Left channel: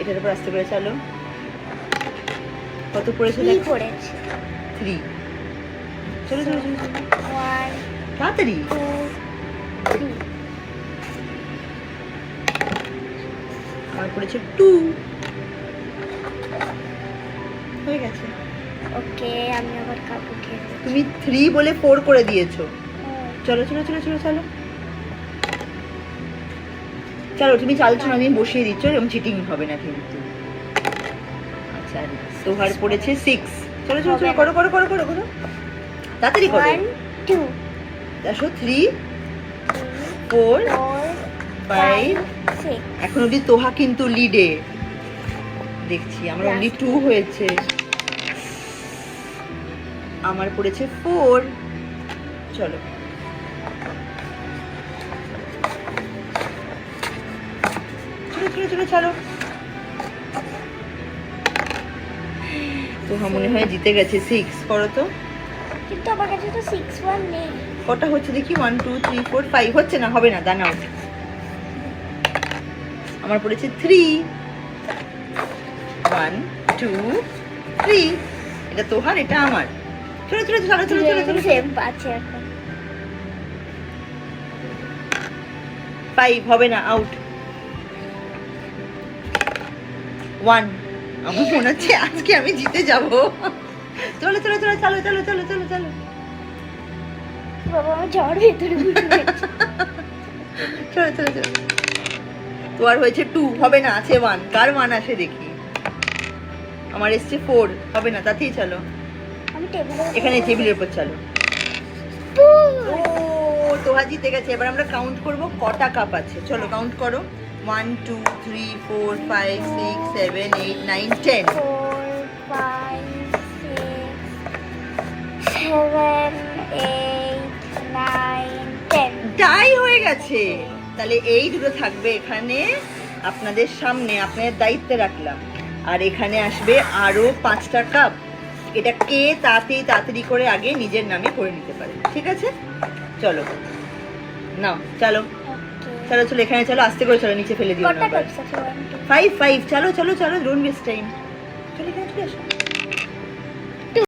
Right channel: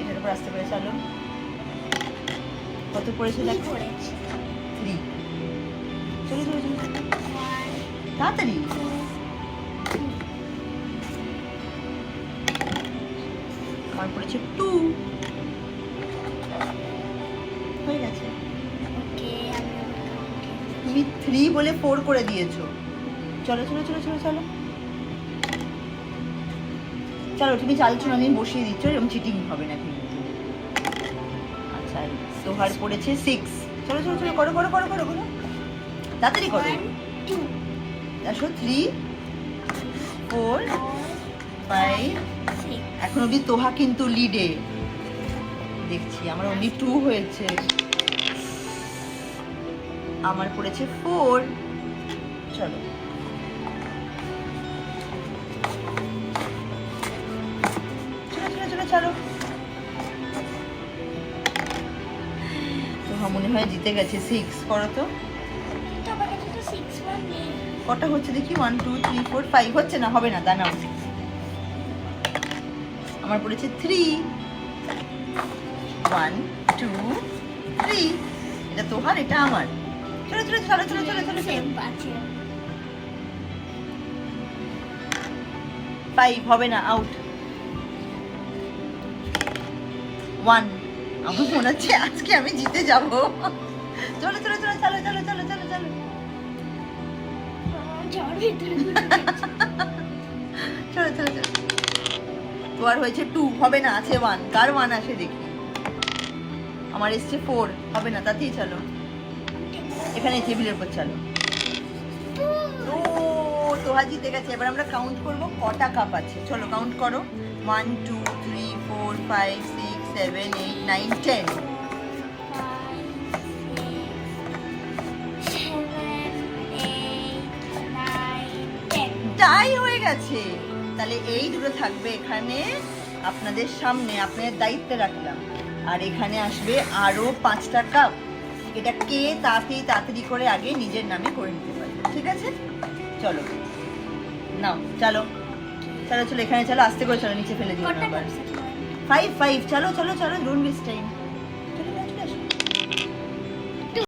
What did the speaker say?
এটার উপর আস্তে করে চালো। কত পড়েছে দেখো? 3। চলো চলো চলো তাড়াতাড়ি। আমার পড়েছে 2। হয়ে গেছে। ওকে, আমি আবার কাকুকে। তুমি 3 বলে 4 করে দিয়েছো। চলো চলো চলো চলো চলো চলো, তুমি চালছো না, আমি বসিয়ে দিচ্ছ, এরকম চিটিং হবে না কিন্তু। আচ্ছা, সোহার পড়েছে 6। চলো চলো চলো, করো করো করো করো করো, তাড়াতাড়ি করো। 1 2 দেখো 3 4 5 6। এখন অব্দি তোহা কিন্তু লিডে দেখছি। আমার অনলি 2 হয়েছে। আমার পড়েছে 4। চলো চলো চলো চলো। তোহা মনে হয় জিতে গেছে। 6 করো তো। কিন্তু আমার কাছে তো 6 1 নেই। কটা হচ্ছে দেখি? 1 2 3 4 5 হচ্ছে না, হবে না, দাঁড়াও। আমার পড়েছে 3। 1 2 3। এটা তোহার, এটা আমার। চলো চলো চলো চলো চলো চলো। সেম আছে এখন। 5 হবে না, আউট। 1। আমার মনে হচ্ছে আজকে আমি জিতে যাব। চলো চলো চলো চলো চলো চলো চলো চলো। বাবা, আমার জ্বর ভিতরে ঢুকে গেছে। চলো চলো চলো। তোমার হয়েছে 2, হবে না, আছে 1। কার 1 আসে দেখি? আমার এসছে 4, হবে না, তাতেই চলো। আমি টেবিলে এখানে টেবিলের উপর চলো। ও, তোহা জিতে গেছে। এবার আমরা কাউন্ট করব কটা কাপ আছে। চলো কাউন্ট করো। 1 2 3 4 5 6 7 8 9 10। 4 5 6 7 8 9 10। টাই হয়ে গেছে। তাহলে এই দুটো থাকবে এখানে আপনাদের সামনে, আপনাদের দায়িত্বে রাখলাম। আর এখানে আসবে আরো 5টা কাপ। এটা কে তাড়াতাড়ি করে আগে নিজের নামে করে নিতে পারে, ঠিক আছে? চলো নাও, চলো চলো চলো, এখানে চলো, আস্তে করে চলো, নিচে ফেলে দিও না কটা আবার। কাপ আছে? 5 5 চলো চলো চলো, ডোন্ট ওয়েস্ট টাইম। চলো চলো চলো।